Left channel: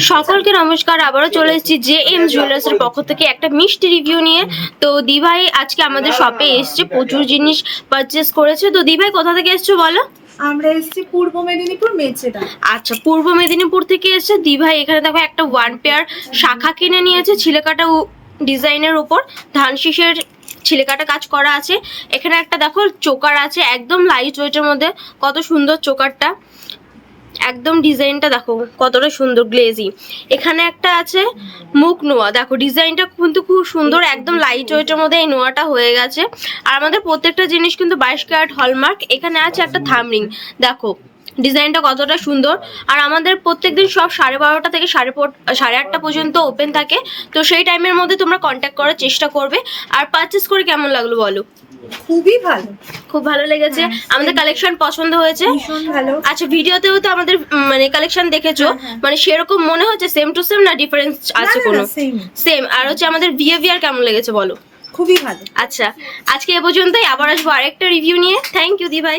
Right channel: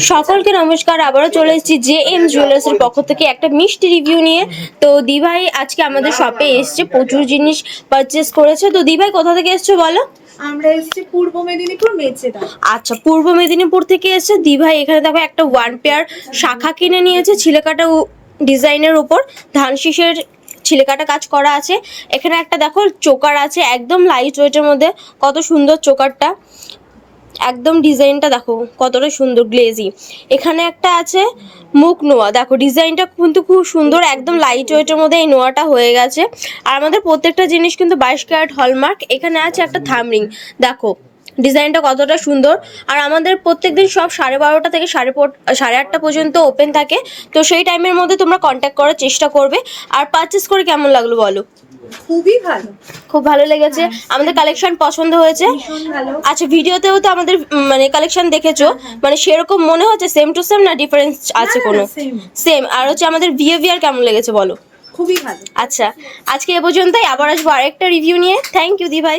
সকলকে নমস্কার, আবারও চলে এসেছি জে.এম জুয়েলার্স এর পক্ষ থেকে একটা মিষ্টি রিভিউ নিয়ে। তো দিভাই আজকে আমাদের শপে এসেছে, প্রচুর জিনিস পারচেস করেছে। তো দিভাই কোথা থেকে এসেছো বলো? আমরা এসেছি পূর্ব মেদিনীপুর মেচেদা। আচ্ছা, পূর্ব মেদিনীপুর থেকে এসেছে দিভাই। এখানে দেখো একটা ওয়ান পেয়ার শাখা কিনে নিয়েছে ছিলেকাটা ডিজাইনের উপর, ধান শীষের ছিলেকাটা কাজ করা আছে। এখানে একটা দেখো চোকার আছে, একদম লাইট ওয়েটের মধ্যে, কত সুন্দর চোকারটা, একদম ডিজাইনটা দেখো কতটা সুন্দর গ্লেজি। এখানে একটা আছে মুখ নোয়া, দেখো ডিজাইনটা কিন্তু খুব সুন্দর, একদম লাইট ওয়েটের মধ্যে এই নোয়াটা হয়ে গেছে। আর আমাদের প্রত্যেকটা জিনিস কিন্তু 22 ক্যারেট হলমার্ক। এখানে আছে একটা থামরিং, দেখো ডিজাইনটা কতটা সুন্দর। আর আমাদের প্রত্যেকদিন সব 12:30 থেকে 8:30 পর্যন্ত ওপেন থাকে। তো সেই টাইমের মধ্যে তোমরা কন্ট্যাক্ট করার চেষ্টা করবে। আর পারচেস করে কেমন লাগলো বলো? খুবই ভালো, খুব ভালো লেগেছে, আমাদের কালেকশন পছন্দ হয়েছে। ভীষণ ভালো। আচ্ছা, ভিডিওতেও তো আমাদের মানে কালেকশন দেখেছো, মানে সেরকম মনে হচ্ছে সেম টু সেম না ডিফারেন্স আছে কোনো? সেম। আর হচ্ছে আমাদের বিহেভিয়ার কেমন লেগেছে বলো? খুবই ভালো। আচ্ছা, আজকে এ পর্যন্তই, আবার আসবো আরেকটা রিভিউ নিয়ে। থ্যাংক ইউ দি ভাই।